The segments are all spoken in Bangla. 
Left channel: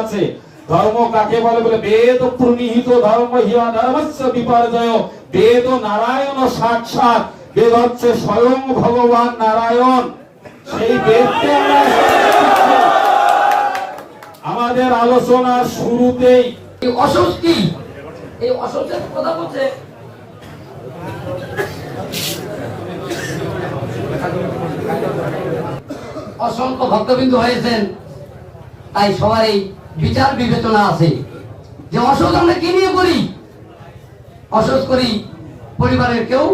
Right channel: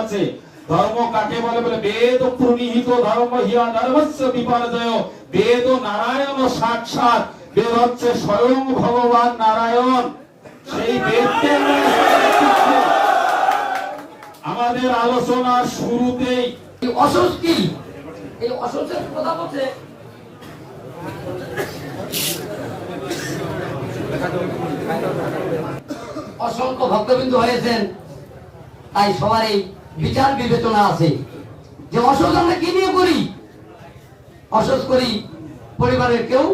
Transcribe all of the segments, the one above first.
আছে। ধর্ম কাকে বলে বলে বেদ প্রণীহিত ধর্ম হিয়া ধর্মস্য বিপর্যয়। বেদ নারায়ণ সাক্ষাৎ, বেদ হচ্ছে স্বয়ং ভগবান নারায়ণ। সেই বেদকে আমরা আমাদের আলোচনার শুরুতেই অসুখ কি, এই অসুখের কথা বলছে। অসংখ্য ভক্তবিন্দু হয়েছেন, তাই সবার এই বিচার বিবেচনা আছে যে অসুখ আমরা কি নিয়ে করি। অসুখ করি পরিবারের কেউ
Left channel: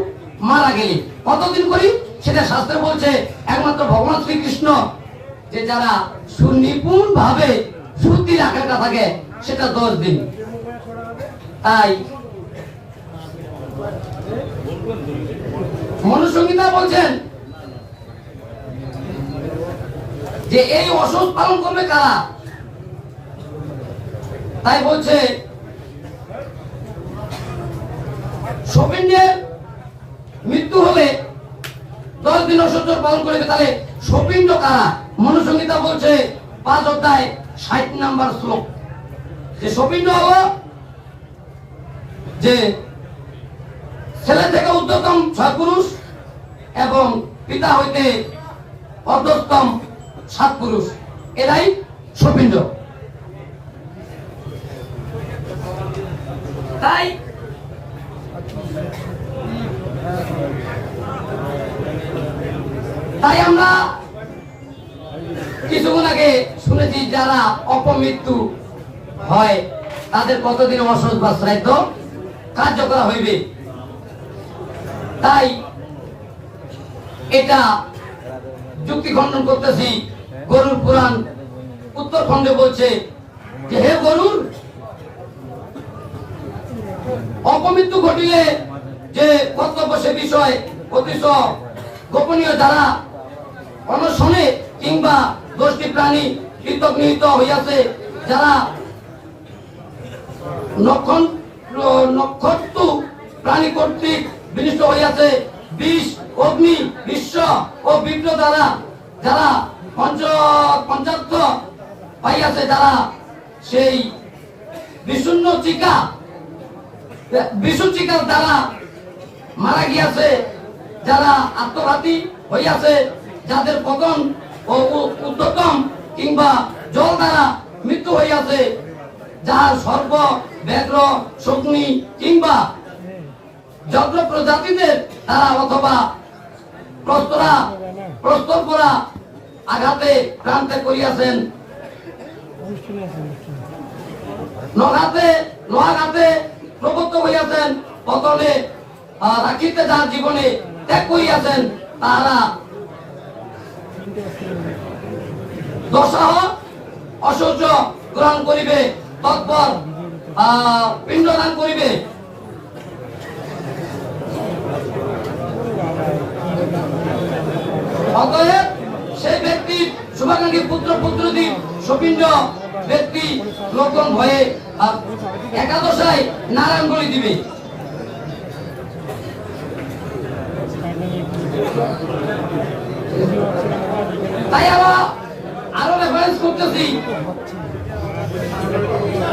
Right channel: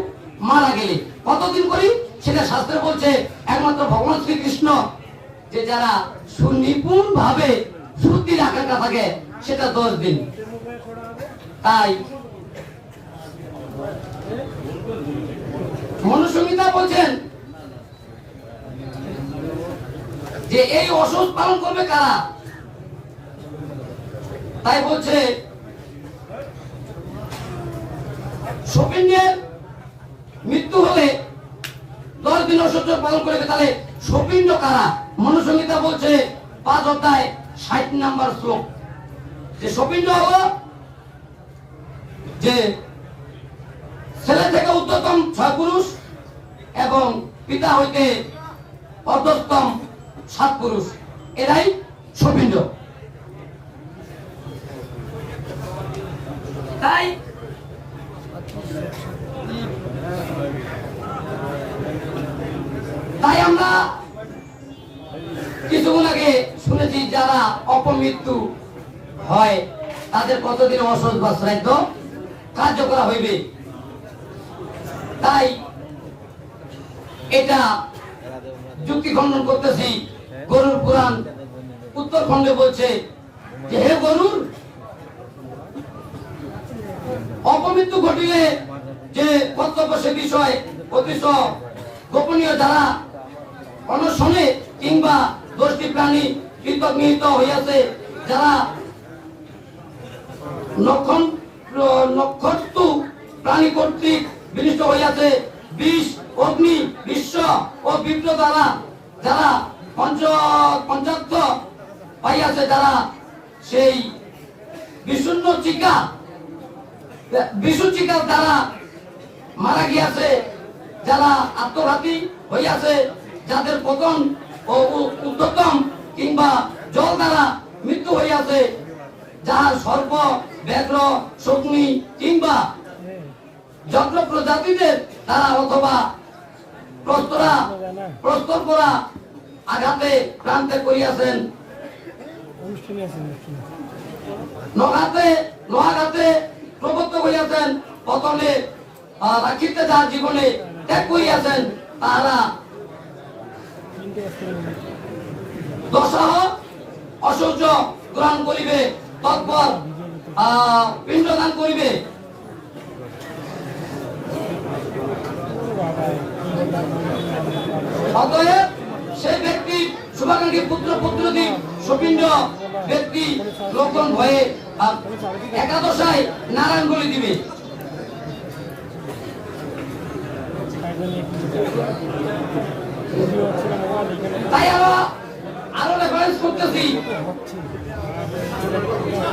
মারা গেলে। কতদিন করি সেটা শাস্ত্রে বলছে একমাত্র ভগবান শ্রীকৃষ্ণ যে যারা সুনিপুণ ভাবে শুদ্ধির আকাঙ্ক্ষা থাকে সেটা 10 দিন। তাই মনুসংহিতা বলছেন যে এই অসুখ পালন করবে কারা। তাই বলছে সপিণ্ডের মৃত্যু হলে 10 দিন অসুখ পালন করবে। তাহলে সপিণ্ড কারা? মনুসংহিতা বলছে 5 অধ্যায় 60 নম্বর শ্লোক যে সপিণ্ড হলো যে ছেলে থেকে উচ্চতম 6 পুরুষ এবং পিতা হইতে অধস্তম 7 পুরুষ, এরাই সপিণ্ড। তাই আমরা কিছুক্ষণ আগে শুনেছি যারা অপমৃত্যু হয় তাদের কতদিন অসৎ বা শ্রাদ্ধ কার্য করা হইবে। তাই এটা যুক্তি খণ্ডন করতেছি। গরুর পুরাণ উত্তরখণ্ডে বলছে যে হে গরুর, অপমৃত্যু ঘটিলে যে কর্তব্য সে বিষয় অতিশয় গোপনীয়, যারা অনশনে কিংবা দোষী প্রাণী কীর্তক নিহিত হইয়াছে, যারা নক্ষত্র প্রাণী কর্তৃক বিনিষ্ট হইয়াছে, বিষ অগ্নি বিশ্ব ও বিদ্য দ্বারা যারা পঞ্চাত্ম পাইয়াছে, যারা সেই বিশুন্য চিকার দ্বারা মারা গিয়াছে, যারা আত্মঘাতী হইয়াছে, যাদের পতন ও উদ্যতম কিংবা জল দ্বারা মৃত্যু হইয়াছে, যার সর্প ব্যাঘ্র শকুনি কিংবা যজ্ঞ প্রজাতিদের দ্বারা অথবা প্রস্তর করা আঘাতে প্রান্তে করিয়াছেন, নহাঘাতে প্রবত্ত হইয়াছেন, পতনে রাখিতে যার জীবনে ত্যাগ করিয়াছেন, তাহারা দশাহ অসহ্য গ্রহণ করিবে, তৎপর পিণ্ডদান করিবে। অতএব সেই ব্যক্তির শুভাকাঙ্ক্ষী পুত্র পুত্রদি সপিণ্ড ব্যক্তি লোকজন হয়ে একাদশায় নারায়ণ বলি দিবে। তাই আরো রেফারেন্স করতেছি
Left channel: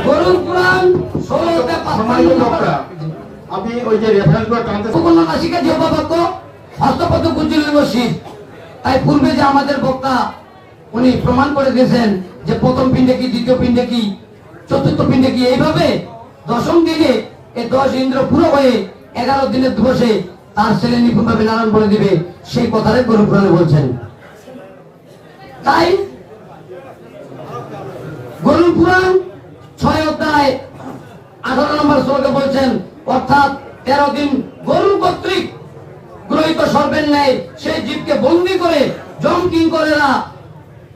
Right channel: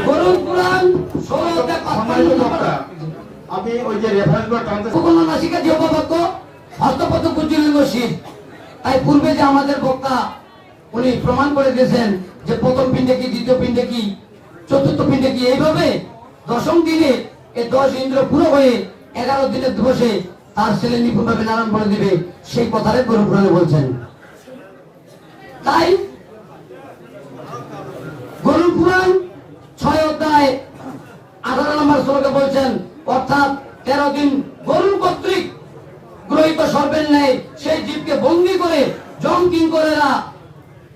গরুর পুরাণ 16 অধ্যায় আমি ওই যে রেফারেন্সগুলো টানতে নাসিকা দেবদত্ত হস্তপদ কুঞ্জলিঙ্গ শীত। তাই পূর্বে যে আমাদের বক্তা উনি প্রমাণ করে দিয়েছেন যে প্রথম পিণ্ডে কি, দ্বিতীয় পিণ্ডে কি, চতুর্থ পিণ্ডে কি, এইভাবে 10ম দিনে এই 10 ইন্দ্র পুরো হয়ে 11 দিনের দিবসে তার ছেলে নিপুণভাবে নারায়ণ বলে দিবে, সেই কথাটাই গরু পুরাণে বলছেন। তাই গরু পুরাণ 6 অধ্যায় 18 নম্বর শ্লোকে বলছেন, অর্থাৎ 13 দিন গরু কর্তৃক গ্রহিত সর্বের ন্যায় সেই জীবকে বন্দী করে জম কিঙ্করেরা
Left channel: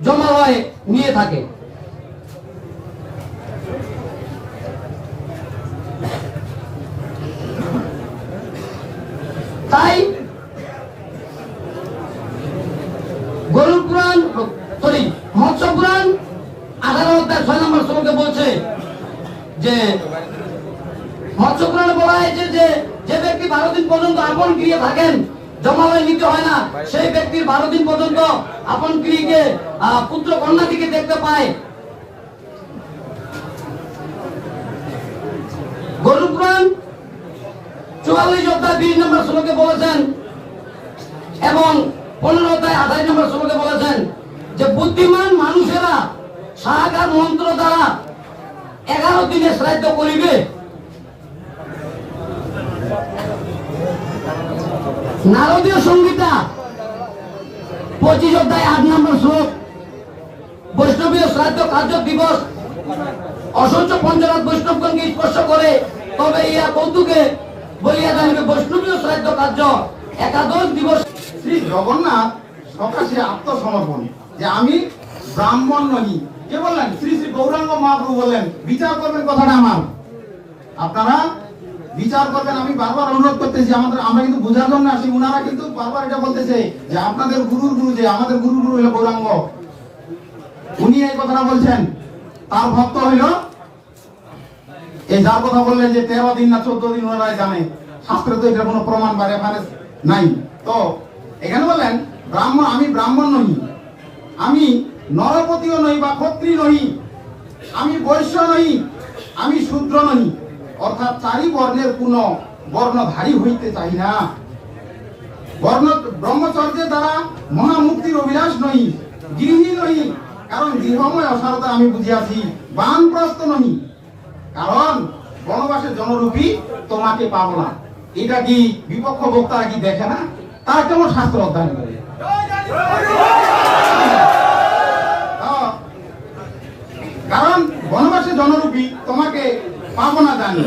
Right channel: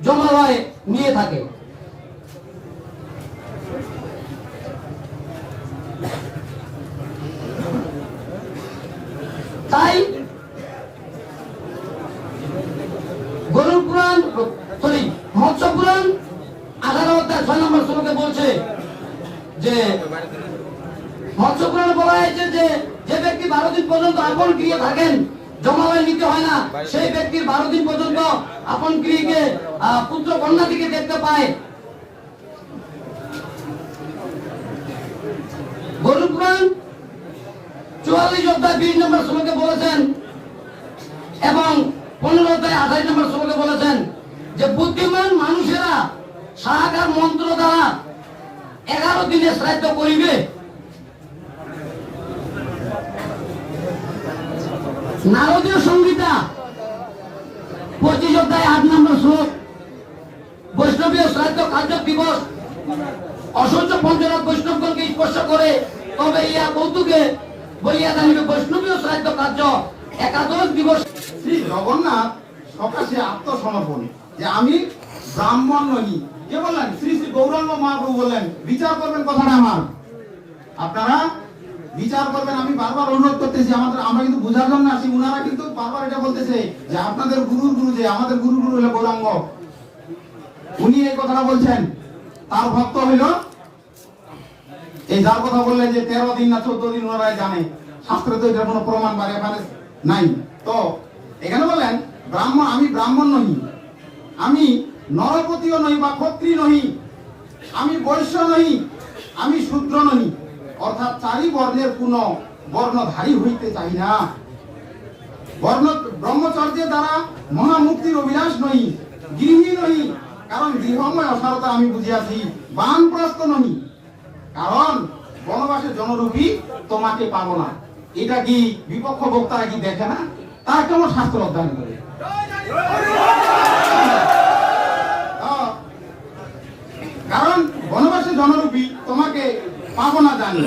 জমালয়ে নিয়ে থাকে। তাই গরুর পুরাণ মৎস্য পুরাণ 18 অধ্যায় 6 নম্বর শ্লোকে বলছে যে মৎস্য পুরাণে বলা হয়েছে যে ব্যক্তি 12 দিন পর্যন্ত আপন গৃহে থাকেন, জমালয় নিতে হয় না, সেই ব্যক্তির 12 দিন পর্যন্ত আপন গৃহকে পুত্র কন্যা থেকে দেখতে পায়। 44 অধ্যায় 20 নম্বর শ্লোকে বলেছেন এবং 15 অধ্যায় 28 নম্বর শ্লোকে বলেছেন যে বুদ্ধিমান মানুষেরা সাহাকার মন্ত্র দ্বারা 11 দিনে শ্রাদ্ধ করিবে। নারদীয় সংহিতা 25 অধ্যায় 8 নম্বর শ্লোক বৈষ্ণবীয় শ্রাদ্ধ কার্য দিবস অসংখ্য পঞ্চরাত বৈষ্ণবগণকে স্পর্শ করে, তবে ইহা কৌতুকে বলিয়া জানিবে বৈষ্ণবীয় শ্রাদ্ধ কার্য একাদশ দিবস। শ্রী জগন্নাথ সকাশে আত্মসমর্পণ যে আমি ব্রাহ্মণ নই, কে বললেন? শ্রী শ্রী গৌরাঙ্গ মহাপ্রভু বললেন বিচার করবেন কথাটা আমার, আপনারা বিচার করবেন। আমি বারবার অনুরোধ করতেছি, আমরা কিন্তু বোঝার জন্য আসি, উনারা কিন্তু বারবার এটা বলতেছে যে আপনাদের গুরুর গুরু, যে আমাদের গুরু হলো গৌরাঙ্গ, উনি এই কথাটা বলছেন। তার ভক্ত হইল এই যার কথা বললেন যে 13 দিন না 14 দিন ওনারাই জানে, শাস্ত্রে তো এটার কোনো প্রমাণ বা রেফারেন্স নাই। তো এখানে বলেন ব্রাহ্মণ, আমি ব্রাহ্মণ নই, আমি নরপতিও নই বা ক্ষত্রিয় নই, আমি বৈশ্য নই, আমি শূদ্র নই, অর্থাৎ 4 বর্ণের কোন বর্ণধারী হইতে চাই না। ব্রহ্মচর্যের দ্বারা মহামুক্তির অভিলাষ নই, গৃহী নই, কারণ গৃহময় অসারতা আমি বুঝিয়াছি, বানপ্রস্থ নই, কারণ বনবাসের জনরূপী তোমাকে পাবো না। এটা কি বিপক্ষ বক্তারা কি দেখে না? তার কেমন শাস্ত্র অধ্যয়ন করে? কারণ বনবাসে জনরূপী তোমাকে পাবো না জানি,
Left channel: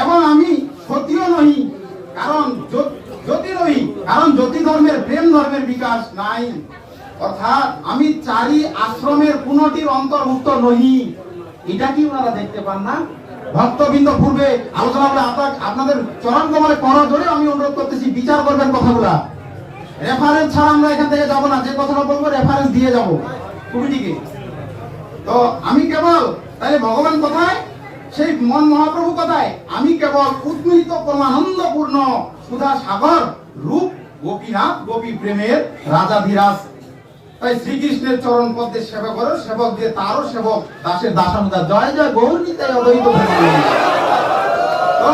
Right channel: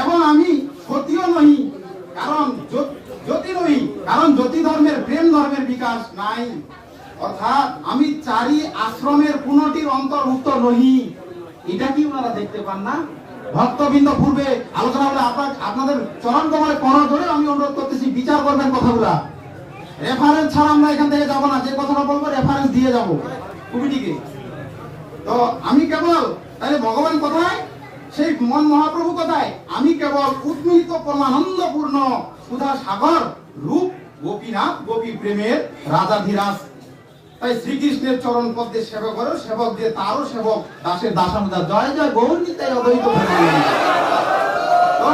এবং আমি ক্ষত্রিয় নহি, কারণ জ্যোতি নহি, কারণ জ্যোতি ধর্মের প্রেম ধর্মের বিকাশ নাই, অর্থাৎ আমি 4 আশ্রমের কোনটির অন্তর্ভুক্ত নহি। এটা কি ওনারা দেখতে পান না? ভক্তবৃন্দ পূর্বে আলোচনা হলে আপনাদের চরণ কমলে করা ধরে আমি অনুরোধ করতেছি, বিচার করবেন কথাগুলা। রেফারেন্স ছাড়া আমরা এখান থেকে যাবো না, যে কথাটা বলবো রেফারেন্স দিয়ে যাবো কমিটিকে। তো আমি কেবল তাহলে ভগবান কোথায়? সেই মন মহাপ্রভু কোথায়? আমি কেবল উদ্মিত পরমানন্দপূর্ণ সুধা সাগর রূপ গোপীনাথ, গোপী প্রেমের রাজাধিরাজ। তাই শ্রীকৃষ্ণের চরণ পদ্মে সেবা করো, সেবক দিয়ে তারও সেবক, দাসের দাসানুদাস, জয় জয় গৌর নিতাই অদ্বৈত প্রেমানন্দ। তো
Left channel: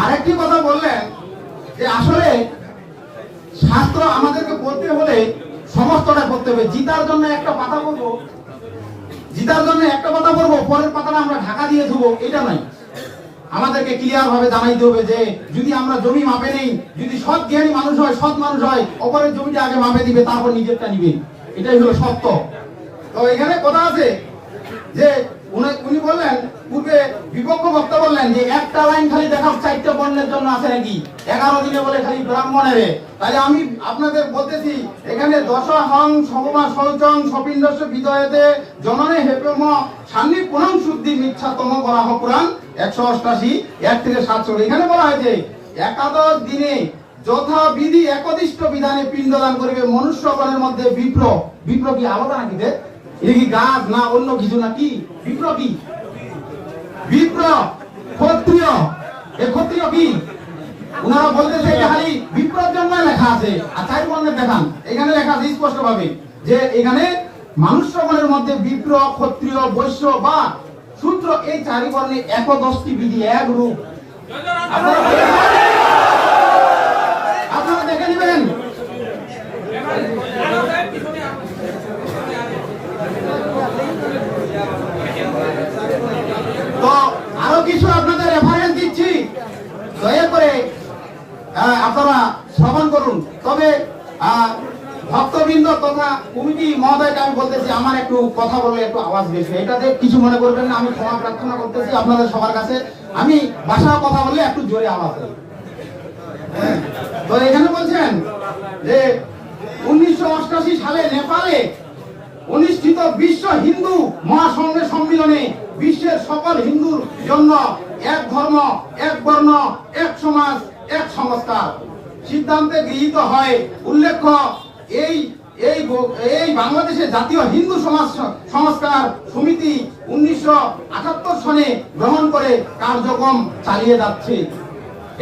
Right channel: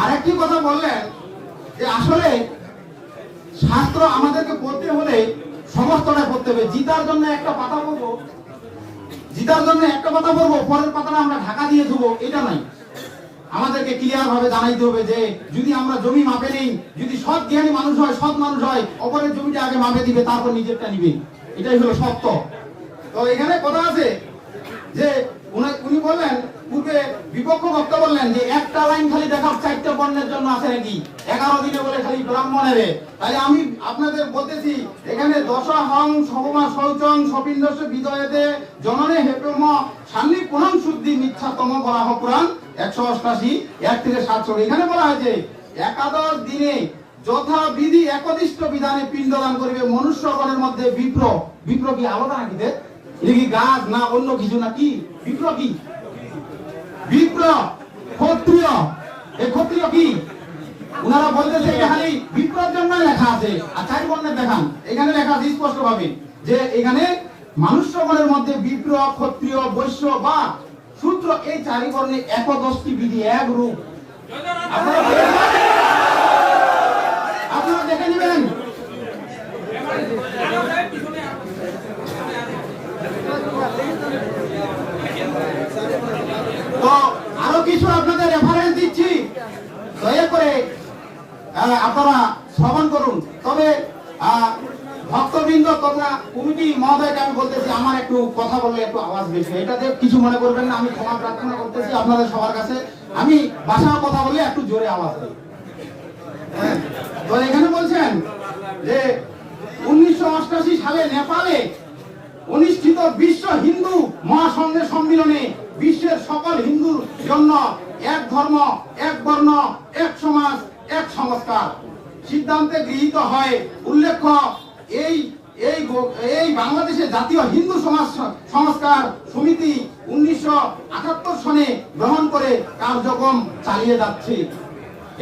আরেকটি কথা বললেন যে আসলে শাস্ত্র আমাদেরকে পড়তে হলে সমস্তটা পড়তে হবে। জিতার জন্য একটা পাতা পড়বো, পরের পাতাটা আমরা ঢাকা দিয়ে দেবো, এটা নাই। আমাদেরকে ক্লিয়ার ভাবে জানাইতে হবে যে যদি আমরা জমি মাপে নেই, যদি সৎ জ্ঞানী মানুষ হয়, সৎ মানুষ হয়, অপরের জমিটা আগে মাপে দিবে, তারপর নিজেরটা নিবে, এটাই হলো সত্য। তো এখানে কথা আছে যে উনি বললেন, পূর্বে বিপক্ষ বক্তা বললেন যে একটা লাইন খালি দেখাও 4টে বর্ণের জন্য আছে নাকি, 11 দিনে বলে খালি ব্রাহ্মণের। তাই আমি আপনাদের বলতেছি, এখানে দশহং সবমা শৌচং সপিণ্ডস্য বিদয়েতে জননে হেপেম সান্নি পুরাং শুদ্ধি মিথ্যাতম বলা হয় পুরাণ 188 1 থেকে 7। এখানে বলা হয়েছে 11 দিনে যথাবিধি একদিষ্ট বিধানে পিণ্ডদান করিবে মনুষ্যগণের মধ্যে বিপ্র। বিপ্র কি আলাদা নাকি? এটা কি গাছ না অন্য কিছু নাকি? বিপ্র কি? বিপ্র ক্ষত্রিয়। এই ক্ষত্রিয় কি? ওনারা বলতেছে খালি বিপ্রর জন্য লেখা আছে, আর 4 বর্ণের দেখান। এখানে লেখা আছে স্পষ্ট ভাবে যে এখানে মনুষ্যগণের মধ্যে বিপ্র, ক্ষত্রিয়, বৈশ্য বা শূদ্র, এই 4 বর্ণে 11টি বিধি, এক রূপ। আপনারা দেখে নেবেন। তো আরো কিছু আপনাদের রেফারেন্স দিচ্ছি, দয়া করে আপনারা শ্রবণ করুন। তবে ভক্তবৃন্দ তথা কমিটি মহোদয়কে আমি বলতেছি, আমার একটু কথা বললে একটু আওয়াজ বেশি, এটাতে কিছু মনে করবেন না, আমি ক্ষমা প্রার্থনা করতেছি আপনাদের সবার কাছে। আমি ভাষায় কথা বললে একটু জোরে আওয়াজ হয়। তো এখানে বলছেন যে 1988 সালে নেপালে অনুষ্ঠিত বিশ্ব হিন্দু মহাসংঘের সম্মেলনে বিশ্বের সকল হিন্দুর জন্য এক ধর্ম, এক বর্ণ, এক সমাজ, এক সংস্কার সিদ্ধান্তে গৃহীত হয়। উল্লেখ্য এই বাংলাদেশের জাতীয় হিন্দু সংস্কার সমিতি 1978 সনে গ্রহণ করে কার্যক্রম চালিয়ে যাচ্ছে।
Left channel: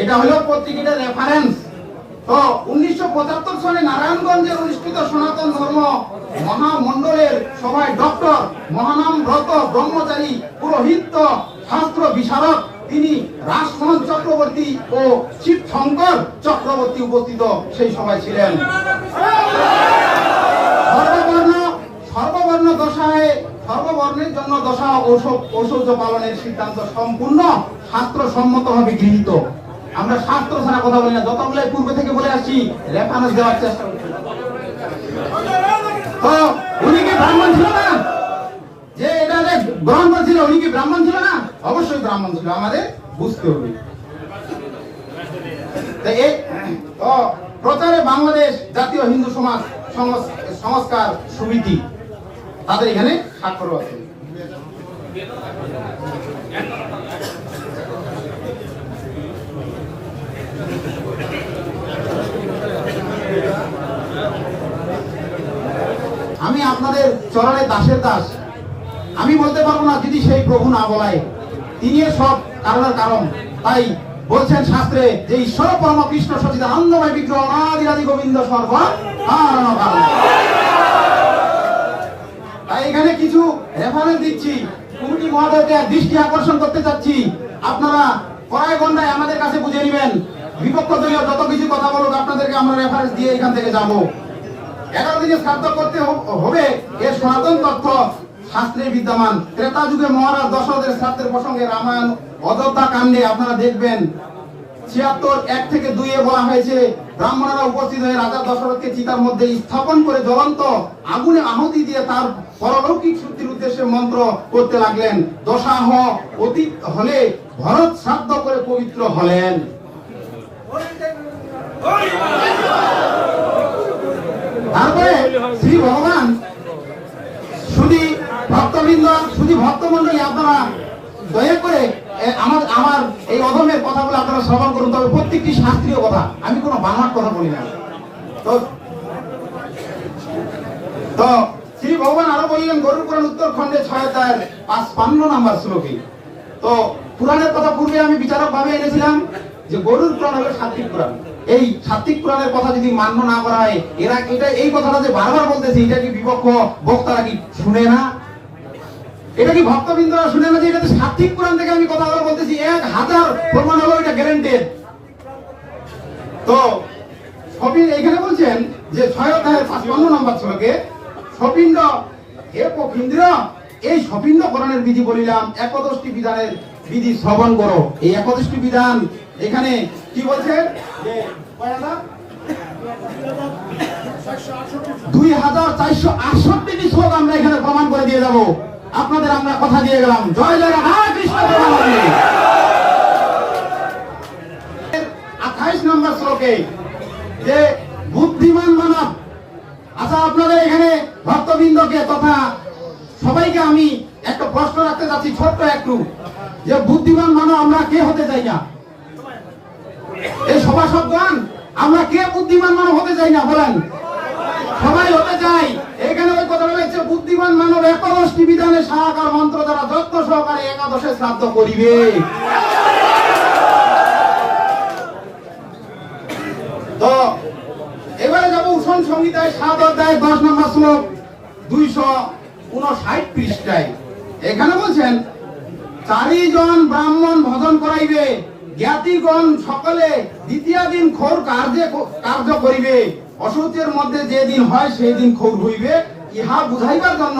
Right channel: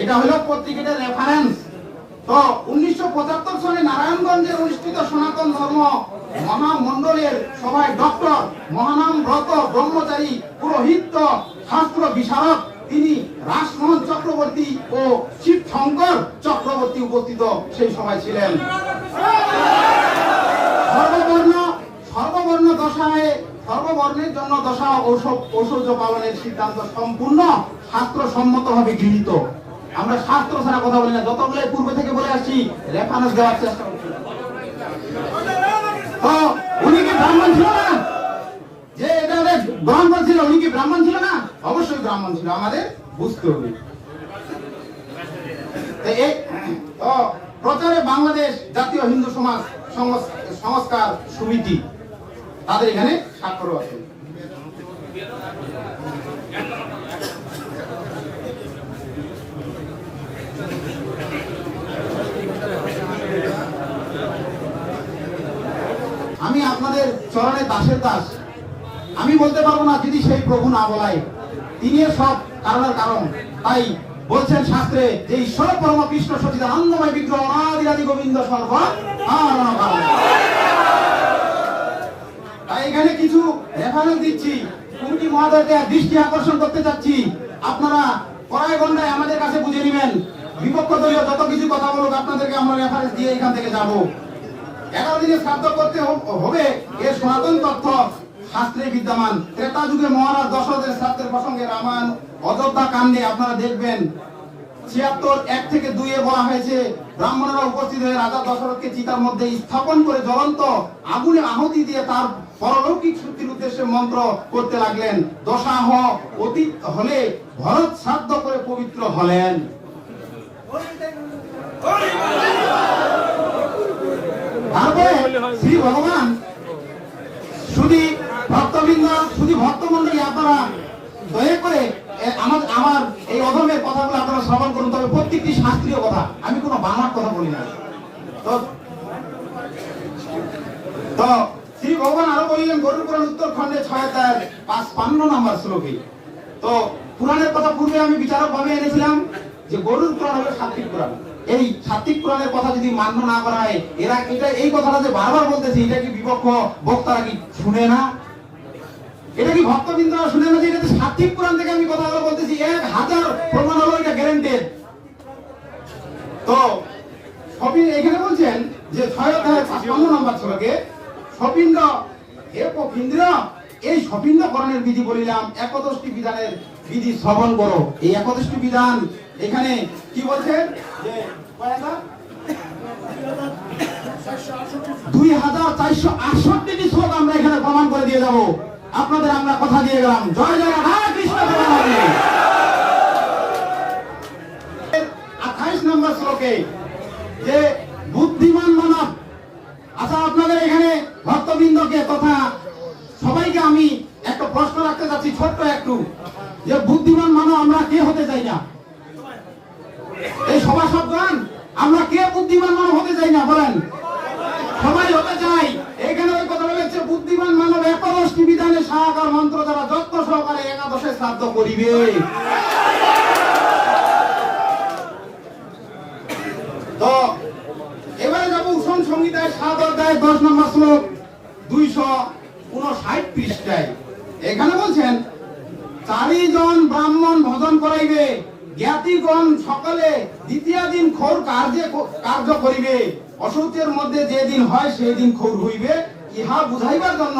এটা হলো পত্রিকার রেফারেন্স। তো 1975 সালে নারায়ণগঞ্জে অনুষ্ঠিত সনাতন ধর্ম মহামন্ডলের সভায় ডক্টর মহানাম ব্রত ব্রহ্মচারী পুরোহিত শাস্ত্র বিশারদ তিনি রাসমোহন চক্রবর্তী ও শিব শঙ্কর চক্রবর্তী উপস্থিত সেই সভায় ছিলেন। সর্ববর্ণ দশায় সর্ববর্ণের জন্য দশা ঐশ্বর্য পালনের সিদ্ধান্ত সম্পূর্ণ শাস্ত্রসম্মতভাবে গৃহীত। আমরা শাস্ত্র ছাড়া কথা বলি না, যতগুলো পূর্বে থেকে বলে আসছি রেফারেন্স দেওয়ার চেষ্টা করছি। তো উনি কি ব্রাহ্মণ ছিল না? যে এটা গ্রহণ করেছিল উনি কি ব্রাহ্মণ ছিল না? অবশ্যই ব্রাহ্মণ ছিল, আমাদের বুঝতে হবে। প্রচারে বাংলাদেশ জাতীয় হিন্দু সমাজ সংস্কার সমিতি তাদের এখানে স্বাক্ষর আছে। আমি আপনাদের চরণে দাসের দাস, আমি বলতে পারবো না যদি সেই প্রভু না বলায়। তিনি সব কারণের কারণ। তাই বলছেন শাস্ত্রে যে ঈশ্বর পরম কৃষ্ণ সচিদানন্দময় বিগ্রহ অনাদিরাদি গোবিন্দ সর্ব কারণ কারণ। তাই এখানে কিছু রেফারেন্স দিচ্ছি, কমিটি মহোদয়কে দৃষ্টি আকর্ষণ করতে চাচ্ছি। আপনারা কড়াই গন্ডায় আমাদের কাছে বুঝে নেবেন। বিপক্ষ দলীয় যত কিছু কথা বলুক আপনাদেরকে আমরা রেফারেন্স দিয়ে এখান থেকে যাব। 11 দিনে শ্রাদ্ধ করতে হবে এর সনাতন তথ্য শাস্ত্রে বিদ্যমান। ত্রেতা যুগে মহারাজ দশরথের শ্রাদ্ধের প্রসঙ্গে রামায়ণ অযোধ্যা কাণ্ডে আপনারা দেখবেন 76:1-2 বলা হয়েছে, ব্রাহ্মণেরা উপস্থিত হয়ে রাজা দশরথকে চিতার মধ্যে স্থাপন করে জ্বলন্ত আগুনে আহুতি দিয়ে তার পরলৌকিক শুদ্ধির উদ্দেশ্যে মন্ত্র করতে লাগলেন। দশাহ অতীত হলে ভরত শ্রাদ্ধ করে পবিত্র হলেন। তারপরে শ্রী ভগবান শুধু ভক্তমন্ডলী আপনারা দয়া করে আমার এই অধমের কথাগুলো আপনারা শ্রবণ করুন। তবে প্রত্যেকটি শাস্ত্রীয় কথা, আমি কোনো বাংলার কথা বলি না। তো শ্রী ভগবান আরো বললেন গরুর পুরাণ উত্তরখণ্ডে 6:55 নম্বর শ্লোকে। তো পুরাণের কথা পূর্বে আমি বিচারক ভাবে এনেছিলাম যে গরুর পুরাণ হলো সাত্বিক পুরাণ। এই সাত্বিক পুরাণের কথা যদি মান্য না করা হয়, এটা এই কথাটা যে বারবার বলতেছি, এটা কি বিপক্ষ বক্তারা কি শুনে না? এটা কি ভক্তবৃন্দরা শুনে না যে এটা সাত্বিক পুরাণ থেকে আমি কথাগুলো বলতেছি? 1000 প্রমাণ হলো এটা গ্যারান্টেড। তো এখানে বলছেন যে 6:55 নম্বর শ্লোকে সপিণ্ড হে পক্ষীন্দ্র, এই সপিণ্ড করণের বিধি বলিলাম, 11টি বিধানের বিধি শ্রবণ করো। এই 11টি বিধান এখানে কি বলছেন যে 2468টি শ্লোক আমরা এখানে প্রমাণ করে দিয়ে যাব। আপনাদের আমরা কথা দিয়ে গেলাম। জয় জয় রাধা কৃষ্ণ। 28 নম্বর শ্লোকে যে বুদ্ধিমান মানব। আচ্ছা, আপনাদের এখানে ভক্তবৃন্দকে তথা সবাইকে আমি একটা প্রশ্ন রাখতে চাচ্ছি, ছোট্ট একটু, যে বুদ্ধিমান মানব আমরা কে হতে চাই না? এই সভাসদগণ আমরা কে বুদ্ধিমান মানব হতে চাই না বলেন? সবাই হতে চাই। এখানে ওই কথা বলেছে বুদ্ধিমান মানব 11টি বিধানের সাহাকার মন্ত্র দ্বারা যত্ন সহকারে একাদশে শ্রাদ্ধ করিবে। তো এবারে যাবো উষণ সংহিতায় 7:10 নম্বর শ্লোক 259 পৃষ্ঠায়। এখানে বলছেন 4 জন ব্রাহ্মণ ভজন করাইবে, জ্ঞাতিগণ সকলে দ্বিতীয় দিন খোর কার্য করিবে, অসুচের মধ্যে যে দিন হয় সেই দিন খোর হইবে। ইহা বুঝাইবার জন্য,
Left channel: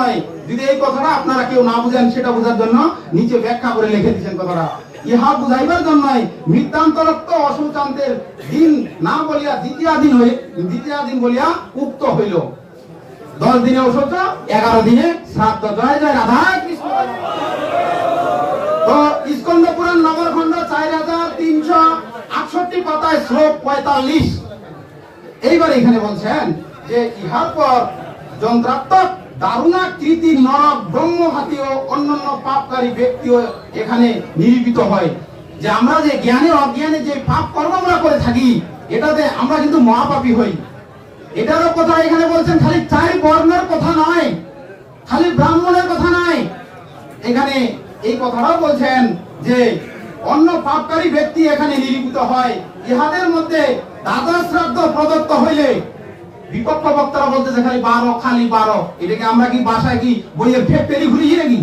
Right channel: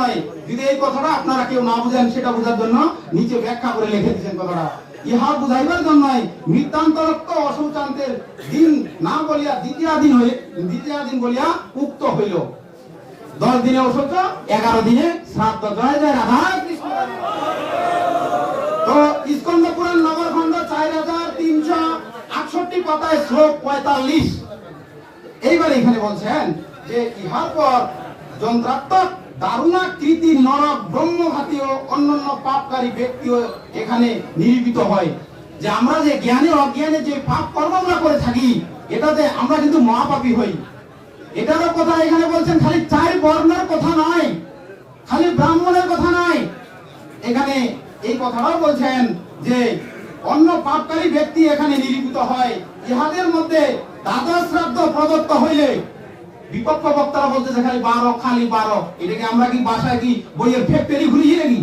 যদি এই কথাটা আপনারা কেউ না বুঝেন সেটা বোঝার জন্য নিচে ব্যাখ্যা করে লিখে দিচ্ছেন কথাটা। ইহা বুঝাইবার জন্য মৃত্যান্তরক্ত অশৌচান্তের দিন না বলিয়া দ্বিতীয় দিন বলিয়া উক্ত হইল। 10 দিনে অশৌচ, 11 দিনে শ্রাদ্ধ। জয় জয় রাধা কৃষ্ণ। তো স্কন্দ পুরাণ নবরখণ্ড 4368 পাতায় শ্লোক 45। এইবার এখানে বলছেন যে ইহার পর যন্ত্রাত্মক দারুণাকৃতি নর ব্রহ্মঘাতী ও অন্যান্য পাপকারী ব্যক্তিও এখানে নিরূপিত হয়। যে আমরা যে জ্ঞানে অজ্ঞানে যে পাপ কর্ম আমরা করে থাকি, এটাতে আমরা কিন্তু মহাপাপী হই। এটারও কথা এখানে বলছেন। খালি 4 বর্ণের কথা নয়, খালি ব্রাহ্মণের কথা নয়, এখানে এই কথাটাও বলছেন যে অন্য পাপকারী ব্যক্তি এখানে নিরূপিত হয়। ইহাদের মধ্যে দ্বাদশ শ্রাদ্ধ প্রদত্ত হইলে, বিপক্ষ বক্তারা বলতেছে খালি 12, খালি 12। এটাকে আমরা কি বাসায় কি বইয়ের ফেক পেরি ঘুরিয়ে কি?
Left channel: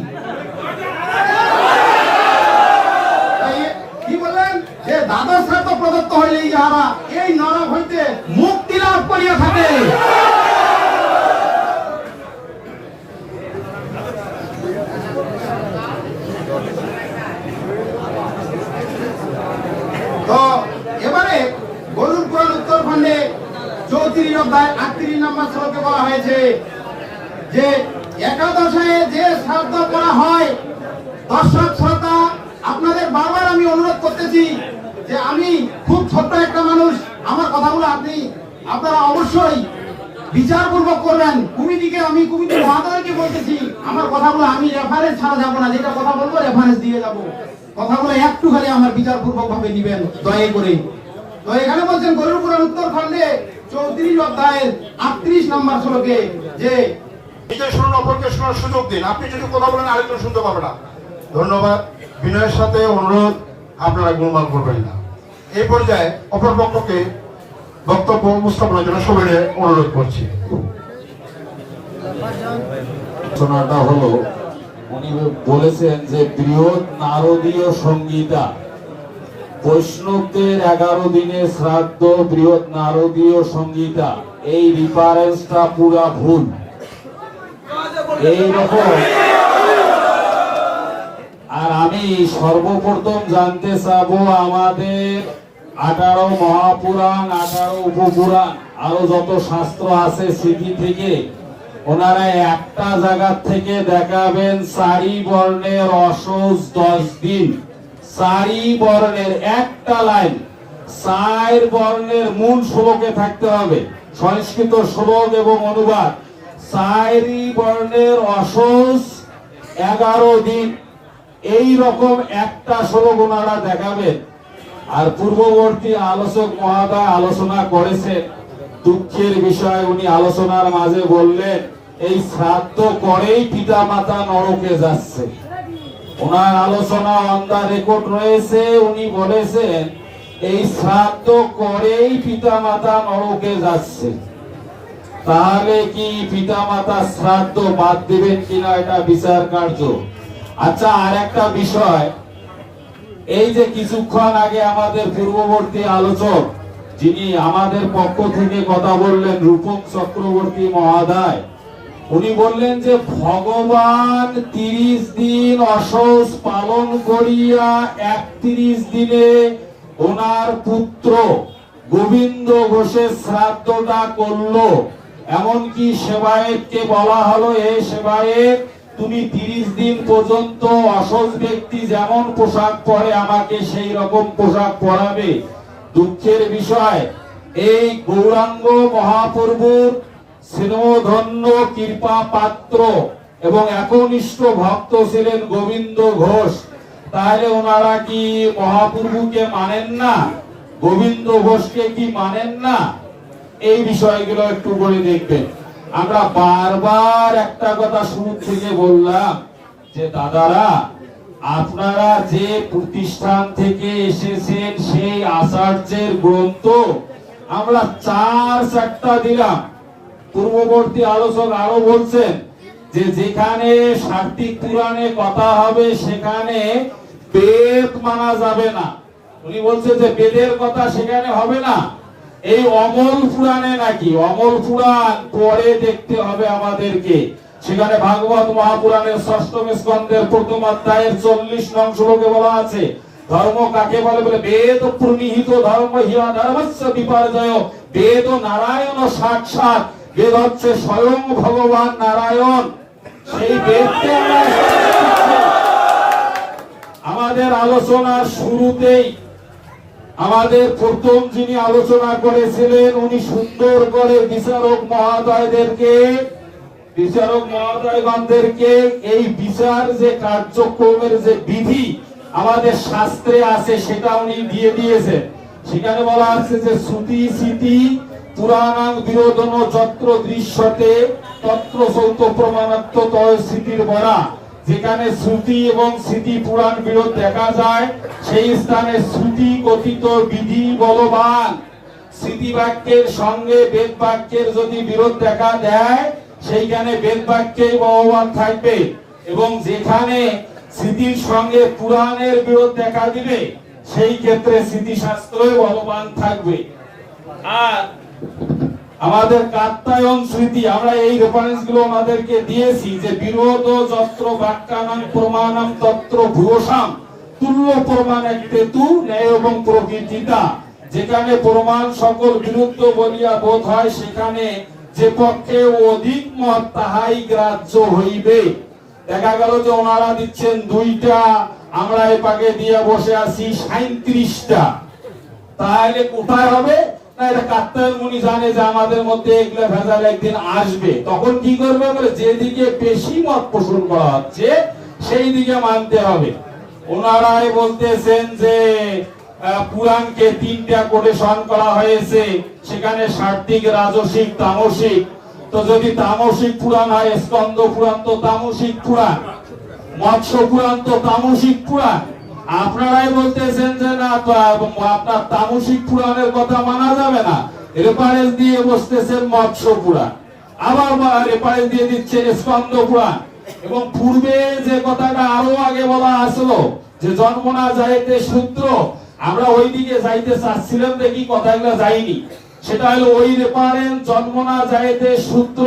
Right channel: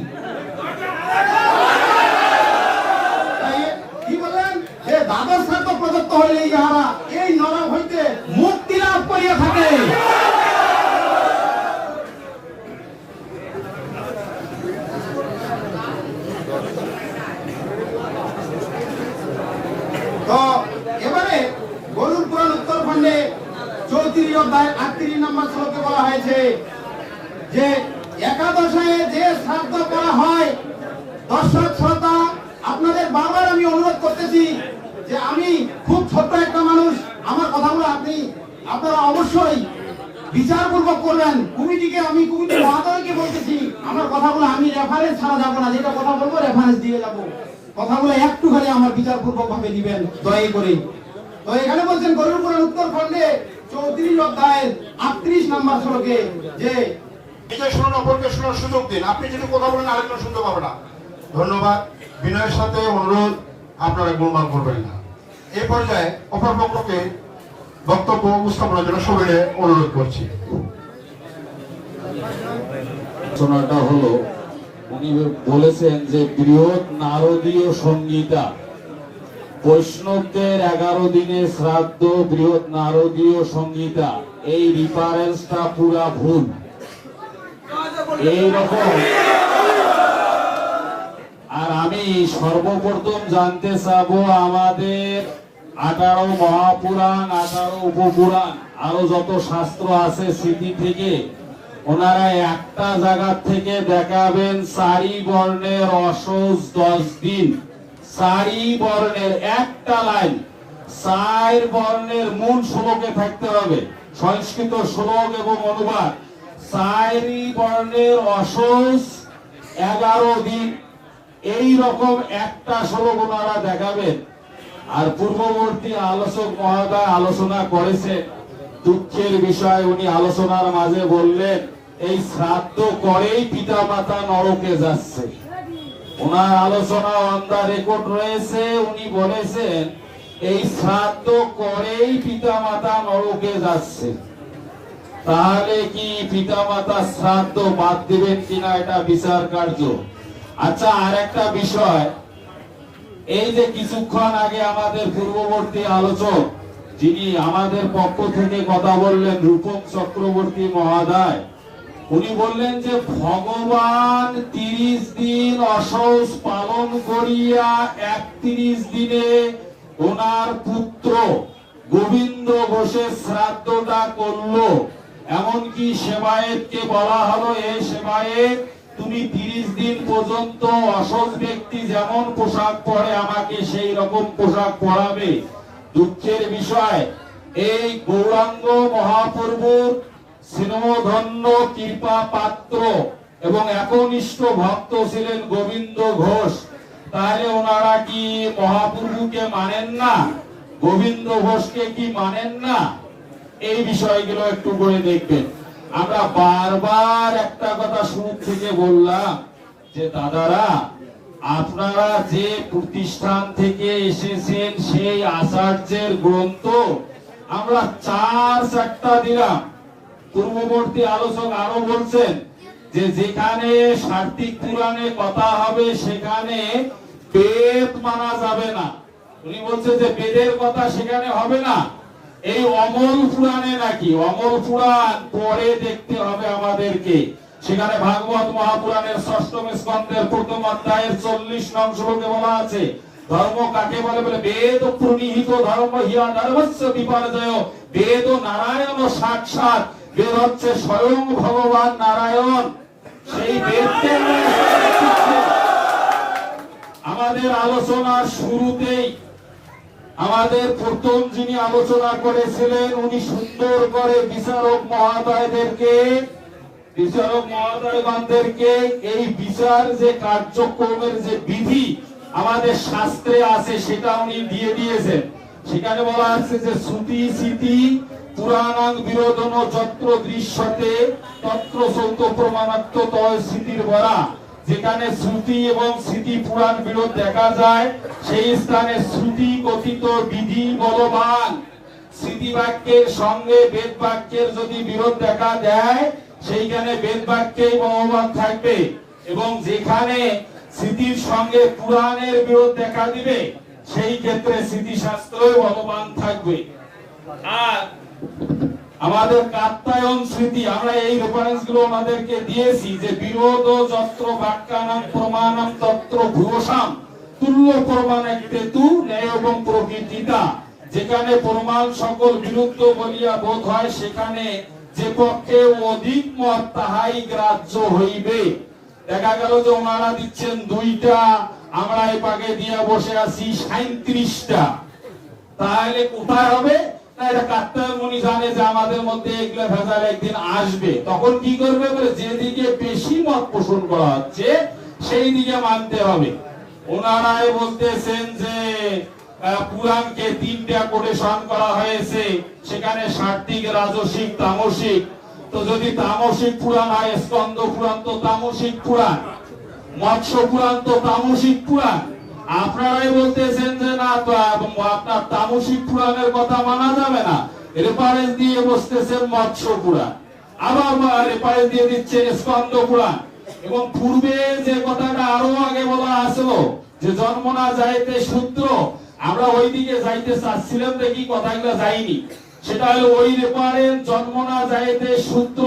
প্রদত্ত হইলে ইহারা এই নরক হইতে মুক্তি লাভ করিয়া থাকে। তো এবারে গরুর পুরাণ উত্তরখণ্ডে 34 অধ্যায় 38 নম্বর শ্লোকে বলা হয়েছে যে একাদশায় যে শ্রাদ্ধ করা হয়, দর্শক শ্রোতা আপনাদের বারবার আমি অনুরোধ করতেছি যে আমি খুব ছোট্ট একটা মানুষ, আমার কথাগুলো আপনারা অবশ্যই বিচারপূর্বক করবেন। আমি কমিটি মহাদয়কে বলতেছি, আমার কথাগুলো আমি রেফারেন্স ছাড়া যাবো না, যেটা কথা বলবো রেফারেন্স দিয়ে যাব, কথাগুলো একটু খালি আমার বিচারপূর্বক ভাবে দিবেন দয়া করে। তো এখানে বলছেন গরুর পুরাণ উত্তরখণ্ডে 34 অধ্যায়ের 38 নম্বর শ্লোকে যে নিজে শুনুন, অপরকে শোনার সুযোগ দিন। আপনি যদি কথা বলেন আরেকজন শুনতে পারবে না। ধন্যবাদ। বিনয়ের সাথে অনুরোধ, আপনারা গোলমাল করবেন না। এই পর্যায়ে অপর পক্ষকে বক্তব্য উপস্থাপনের জন্য সবাই অনুরোধ করছি। আলোচনাটা হলো, উনি বলেছেন যে বৃহৎ নারদীয় সংহিতা, বৈষ্ণবদের 11 দিনের শ্রাদ্ধ বৃহৎ নারদীয় সংহিতা, এই রিফারেন্সটা পুরা ভুল। এইরকম আর আমি সর্বপ্রথম জানতে চাবো আমাদের 18 মহাপুরাণ, 18 উপপুরাণ, আরো যত শাস্ত্র আছে স্মৃতি থেকে, ওনারা একটা জায়গা থেকে দেখাবেন 4 বর্ণের অসহজ 10 দিন, 4 বর্ণের একটা লাইন 4 বর্ণের মূল শ্লোকে থাকতে হবে, সংস্কৃত শ্লোক এবং অনুবাদ। 4 বর্ণের অসহজ 11 দিন, এই রকম একটা শ্লোক ওনারা দেখাবেন। আর পূর্ববর্তী আলোচক মহোদয় আলোচনা করেছেন, দুঃখের বিষয় উনি আলোচনার মাঝে বললেন এই শ্রাদ্ধ করেই পিতা মাতা নরকে যাচ্ছে। ওনার আলোচনা অন দা রেকর্ড রয়েছে, উনি বলেছেন এই শ্রাদ্ধ করেই পিতা মাতা নরকে যাচ্ছে। তাহলে কি পিতা মাতা শ্রাদ্ধ বাদ দিবেন কিনা এটা বিচার কার্য। আচ্ছা, আর একটা বিষয়, এই যে কিছুক্ষণ আগে আমাদের পূর্ববর্তী আলোচক যিনি আমাদের পক্ষ থেকে কথা বললেন, রূপম চক্রবর্তী মহোদয়, উনি বললেন যে ভগবান 30 দিন অসহজ পালন করিয়া 31 দিনে ওনার পুত্র গোবিন্দ ঘোষের শ্রাদ্ধটা করলো। এমনকি সেবায়েতকে বলা হলো, এ সেবায়েত তুমি 30 দিন পর্যন্ত অসহজ ব্যক্তি যেমন পোশাক পরে আমাকে সেই রকম পোশাক পরাবে। দুঃখের বিষয়, এই গৌরাঙ্গ মহাপ্রভুর স্নেহধন্য কৃপা পাত্র এবং একনিষ্ঠ ভক্ত ছিলেন গোবিন্দ ঘোষ। তাহলে ওনারা কি মহাপ্রভুকে মানেন না? গোবিন্দ ঘোষকে কি মানেন না? এই বিষয়গুলো একটু করে দেখবেন। আমরা বারবার একটা কথা শুরু থেকে বললাম যে দাদারা, আপনারা যে প্রতিষ্ঠান থেকে এসেছেন সেই আচার্যের গ্রন্থ আমরা 4 দিলাম। পূর্ববর্তী আলোচক আরো বলছেন যে যেখানে সার্থিক পুরাণে কথা হবে সেখানে বেদ মানা যাবে না। উনি বলছে যে বেদের কথা সেখানে হবে না। এই অমল পুরাণে নাকি, অমল পুরাণ পরে দেখতে হবে আমাদেরকে। সেখানে ভাগবত মহাপুরাণের 6ম স্কন্ধের 1ম অধ্যায়ের 40 নং শ্লোকে বলা আছে, ধর্ম কাকে বলে বলে বেদ প্রণীহিত ধর্ম হিয়া ধর্মস্য বিপর্যয়। বেদ নারায়ণ সাক্ষাৎ, বেদ হচ্ছে স্বয়ং ভগবান নারায়ণ। সেই বেদকে আমাদের আলোচনার শুরুতেই আমাদের প্রথম যিনি আলোচনা করেছিলেন উনি সুন্দর করে বিচারক মহোদয়গণদেরকে এই বিচার যে কার্যক্রমের যে বিধি আমাদের শাস্ত্রে আছে সেটা উনি দিয়ে দিয়েছেন। সেখানে বলা আছে যে শ্রুতি স্মৃতি পুরাণাং বিরোধন যত্র দৃশ্যতে তত্র সৌত প্রমাণাত্ম তয় স্মৃতির বরা। যেখানে শ্রুতি এবং স্মৃতি পুরাণ বিরোধ দেখা যায় সেই স্থানে শ্রুতি কথিত বিধি বলবান, স্মৃতি বাক্যের সঙ্গে বেদ বাক্যের যদি বিরোধ দেখা দেয় সেইখানে বেদ বাক্যেই বলবান থাকবে। এবং যেখানে স্মৃতির সঙ্গে পুরাণের বিরোধ দেখা দিবে সেই ক্ষেত্রে স্মৃতিশাস্ত্রই বলবান থাকবে। আর আমাদের কাত্যায়ন স্মৃতি, আমরা এই রেফারেন্স গুলো আমাদেরকে দিয়েছি যে বিরোধ যত্র বাক্যানাং প্রমাণম তত্র ভূষাম তুল্য প্রমাণ একটেতু ন্যায় এবং প্রকৃতিতা। যেখানে প্রমাণ সকল বিরুদ্ধ বলিয়া বোধ হয়, সেখানে যে পক্ষে অধিক মত তাহাই গ্রাহ্য হইবে। দেখা গেল যে ওনারা দিচ্ছেন 2টা, আমরা এই পাকে দিয়ে বসে আছি 37টা, তাহলে কোথায় হবে না? এটা কাত্যায়ন মুনি জানে যে আমাদের মধ্যে এগুলা ভেজাল একদিন আসবে। তখন কি করবে? যেদিকে বেশি মত পোষণ করা হচ্ছে সেই দিকে মানতে হবে। ওনারাই বলতেছেন যে পুরাণকে 3টা কোটেশন করা হয়েছে, সেখানে সাত্ত্বিক, রাজসিক, তামসিক। তো যদি তামসিক পুরাণ হয়, স্কন্দ পুরাণ তো তামসিক পুরাণ, মৎস্য পুরাণ তো তামসিক পুরাণ। আপনারাই বলতেছেন যে না, তো আপনার তামসিক পুরাণের কথা মানা যাবে না, রেফারেন্স দিয়ে বসতেছেন মৎস্য পুরাণ, আবার রেফারেন্স দিয়ে দিচ্ছে স্কন্দ পুরাণ। এবং পূর্বে যে কথাটা আরো আগে বলা আসলো যে জন্ম না যাইতে শূদ্র, আমরা ওই দিকে যাইতে চাচ্ছিলাম, দেখি কথাগুলো যাইনি। সেটা হলো ওই রেফারেন্স জন্ম না যাইতে শূদ্র,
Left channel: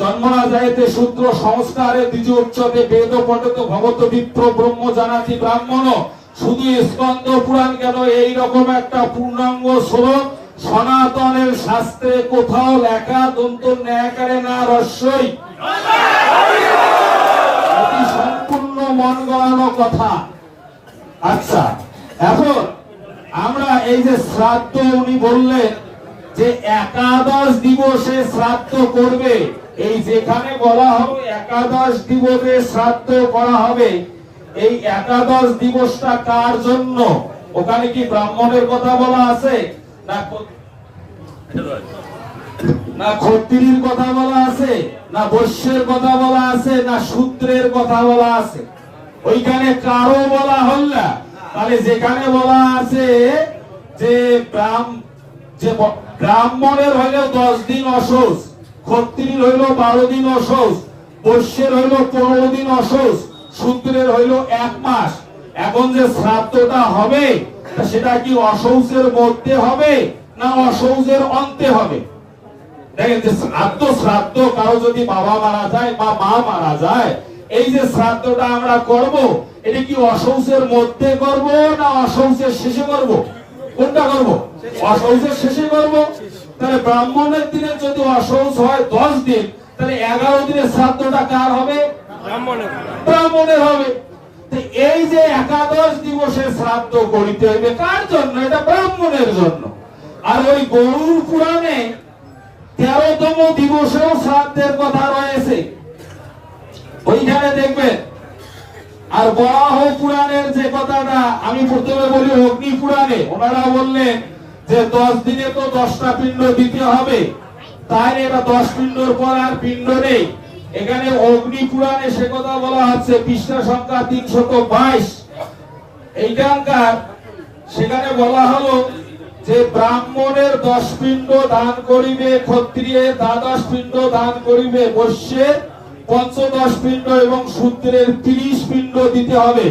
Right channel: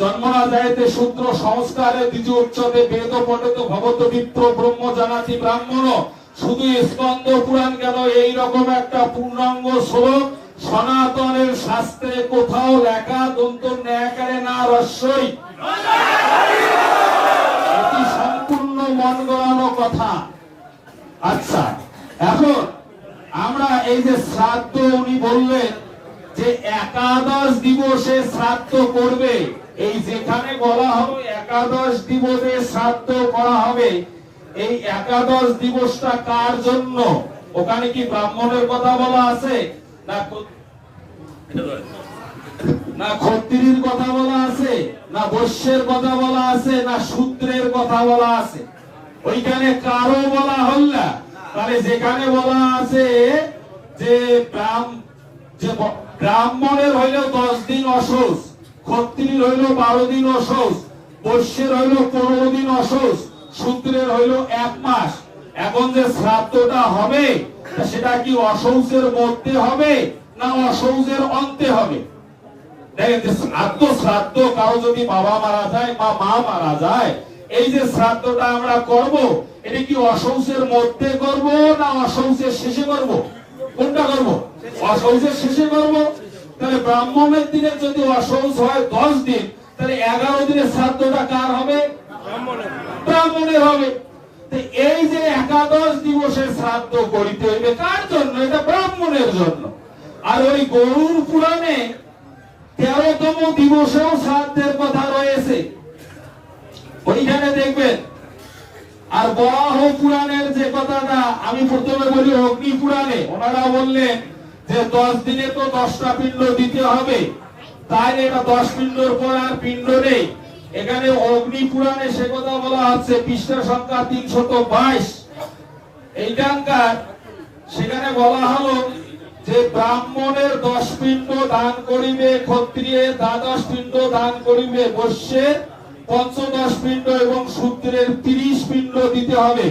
জন্ম না যাইতে শূদ্র সংস্কারে দ্বিজ উচ্চতে বেদ পঠিত ভগত বিপ্র ব্রহ্ম জানাতি ব্রাহ্মণ। শুধু স্কন্দ পুরাণ কেন, এইরকম একটা পূর্ণাঙ্গ শ্লোক সনাতনের শাস্ত্রে কোথাও লেখা দন্ত ন্যাকারে না রস্যই, এটি সম্পূর্ণ মন গড়ানো কথা। আচ্ছা, এখন আমরা এই যে শ্রাদ্ধ উনি বললেন যে একাদশ দিবসে শ্রাদ্ধ করবে, এই যেখানে বলা হবে একাদশ দিবসে শ্রাদ্ধ করা হবে, এই একাদশ দিবসটা কার জন্য? ওখানে কি ব্রাহ্মণের কথা বলা আছে, না ক্ষত্রিয়ের কথা বলা আছে, না বৈশ্যের কথা বলা আছে, না শূদ্রের কথা বলা আছে? ওইখানে কারো বলা হল না। তাহলে যেখানে বলা আছে যে ব্রাহ্মণের হইল 10 দিন অশৌচ, ক্ষত্রিয়ের হইল 12 দিন অশৌচ, বৈশ্যের হইল 15 দিন অশৌচ, শূদ্রের হইল 1 মাস। এখন যে শ্রাদ্ধটা হবে সেটা কি অশৌচের মধ্যে হবে না অশৌচের অন্তে হবে? দেখেন, শ্রাদ্ধ কারো যদি বাবা মারা যায় বা মা মারা যায়, এই যে শ্রাদ্ধটা আমরা করব, এটা কি অশৌচের মধ্যে করব না অশৌচের শেষে করব? কোনটা করব? অশৌচের শেষে করব। তাহলে ব্রাহ্মণের দিনে যদি অশৌচ হয় 10 দিন, তাহলে 11 দিনের শ্রাদ্ধটা কার হবে? ব্রাহ্মণের হবে। এই যে একাদশ দিবসের শ্রাদ্ধ করিতে হবে কার জন্য? এটা ব্রাহ্মণের জন্য। আর ওই গরুর পুরাণে 13তম দিবসেও শ্রাদ্ধের কথা রয়েছে, ওইখানে দেখবেন। আর বরাহ পুরাণের যে কথাটা আমি প্রথমে বলি, অগ্নি পুরাণে ওনারা বললেন যে 10 দিনে তো 10টা পিণ্ড দিতে হবে, তাহলে এটা 10 পিণ্ডর পর আর পিণ্ড নেই। এখানে অগ্নি পুরাণে সে কথা বলা হচ্ছে, পৃষ্ঠা সংখ্যা 322। এইখানকার সেখানে বলা হলো যে ব্রাহ্মণের 10 পিণ্ড দান করিবে, ক্ষত্রিয়ের 12 পিণ্ড দান করিবে, বৈশ্যের 15 পিণ্ড এবং শূদ্রের 30 পিণ্ড দিতে হবে।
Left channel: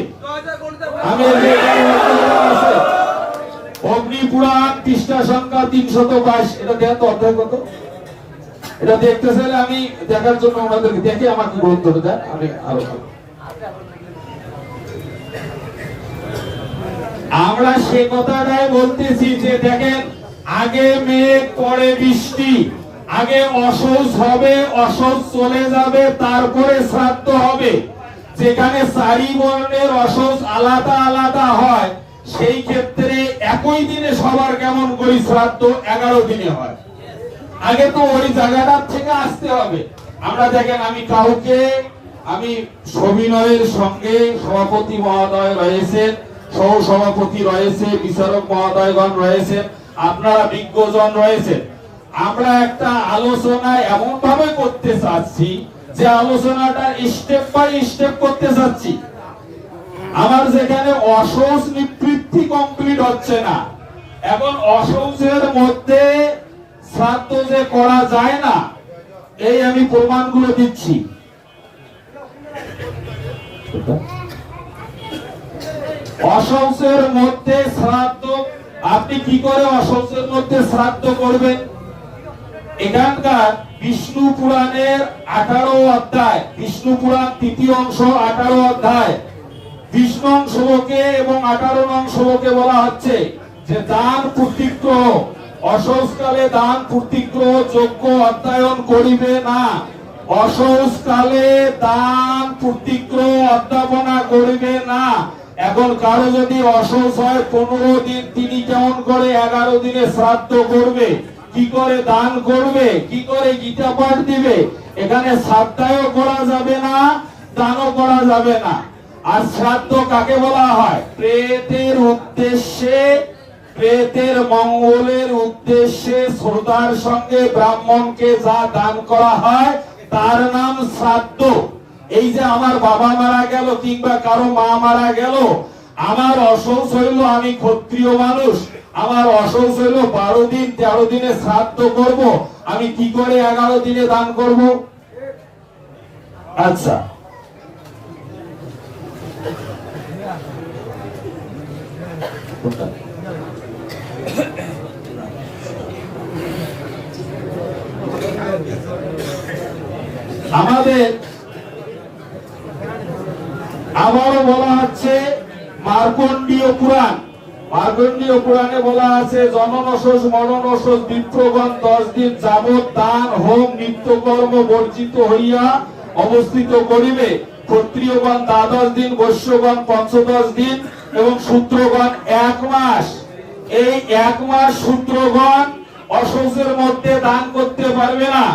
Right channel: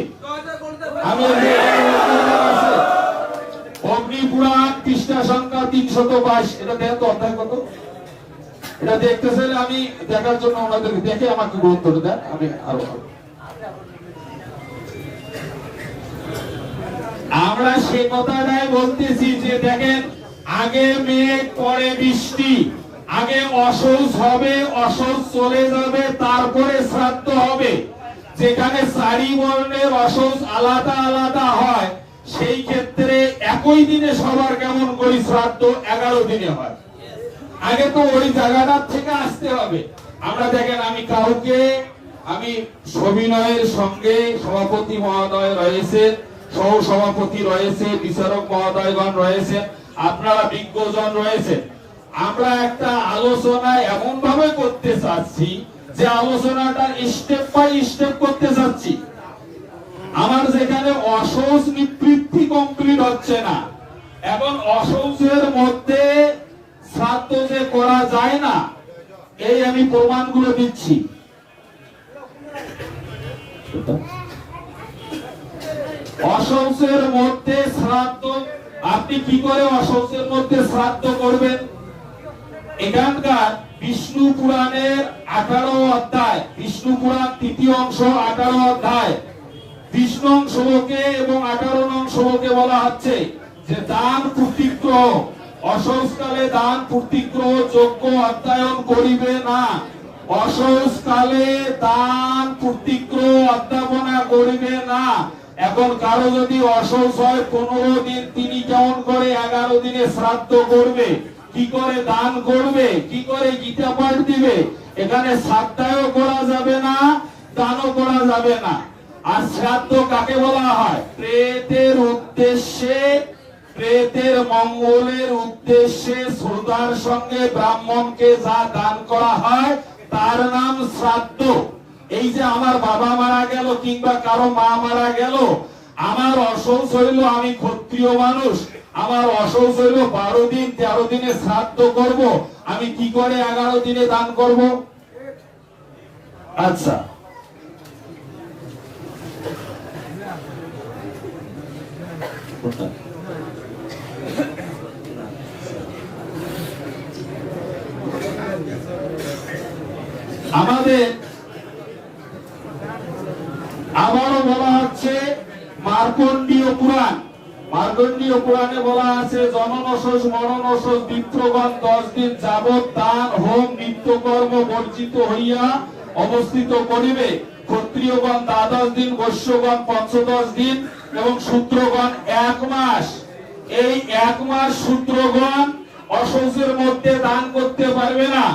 অগ্নি পুরাণ পৃষ্ঠা সংখ্যা 322। এটা দেন তো, অধ্যায় কত? এটা দেখতে চাইলে আমি দেখার জন্য আমাদেরকে দেখে আমাকে গ্রন্থটা দেন, আমি আরো। আমরা সে কথাটাই বলতেছি যে দেখেন, আগে মেঘ পরে বৃষ্টি, আগে অশৌচ হবে, অশৌচ চলে যাবে, তারপরে শ্রাদ্ধ হবে। যেখানে 4 বর্ণের অশৌচ আলাদা আলাদা হয়, সেই ক্ষেত্রে একই দিনে সবার কেমন করে শ্রাদ্ধ 11 দিনে হয়। আগে তো ওই জায়গাটার থেকে আসতে হবে। আমরা দেখেন, আমি সবিনয়ের সঙ্গে সভাপতি মহোদয় রয়েছেন, সহ সভাপতি রয়েছে, বিচারক মহোদয়গণ রয়েছেন, আপনারা বিজ্ঞজন রয়েছেন। আমরা একটা আলোচনা এমন ভাবে করতে চাচ্ছি যে আলোচনাটা স্টেপ বাই স্টেপ করতে চাচ্ছি। আমার যেখানে অশৌচ নিবৃত্তি কমপ্লিট হচ্ছে না, এখন অশৌচের মধ্যে শ্রাদ্ধ যে করা যায় না, এই আমি প্রমাণগুলো দিচ্ছি। অশৌচের মধ্যে শ্রাদ্ধ, আপনি কি করে অশৌচের মধ্যে শ্রাদ্ধ করবেন? এখানকার বিষ্ণু পুরাণের 18 অধ্যায়, বিষ্ণু পুরাণ 3য় অংশ 18 অধ্যায় 20 নং শ্লোকে এবং 18 নং শ্লোকে বলা হচ্ছে যে দান পূর্তিগ্রহ, অশৌচকালে দান পূর্তিগ্রহ যজ্ঞ অধ্যয়ন করিবে না। অশৌচকালে দান পূর্তিগ্রহ অধ্যাপনা করিবে না। এখন কারো যদি অশৌচ হয় 15 দিন, তিনি কেমন করে 11 দিনে শ্রাদ্ধ করবে, কি করে দান করবে, কি করে গীতা পাঠ দিবে? এখানে শ্রাদ্ধও করা যাবে না, দানও করা যাবে না। আর শ্রাদ্ধ কাকে বলা হয়? প্রেতের উদ্দেশ্যে, প্রেতের মঙ্গলের উদ্দেশ্যে শ্রদ্ধার সঙ্গে ব্রাহ্মণকে যা দান করা হয় তার নাম শ্রাদ্ধ। এই যে আমার বাবা মারা গেল কিংবা কারো মা মারা গেল, আমার অশৌচ হইল, আমি ক্ষত্রিয় মানুষ, আমার অশৌচ হইল 12 দিন 13 দিনে শ্রাদ্ধ করব, আমি কি করে 11 দিনে দান করব? আচ্ছা, আমাদের আবারও বলা হচ্ছে মার্কণ্ডীয় পুরাণ, মার্কণ্ডীয় পুরাণে বলা আছে জনন অশৌচ মরণ অশৌচ বিপ্রগণ 10 দিন যাবৎ দান হোম নিত্যকর্ম বর্জিত হইয়া অবস্থিত করিবে। ক্ষত্রিয়গণ 12 দিন, বৈশ্যগণ 15 দিন এবং শূদ্রগণ 1 মাস। এই 1 মাস শূদ্রগণ অশৌচের মধ্যে দান করতে পারবে না।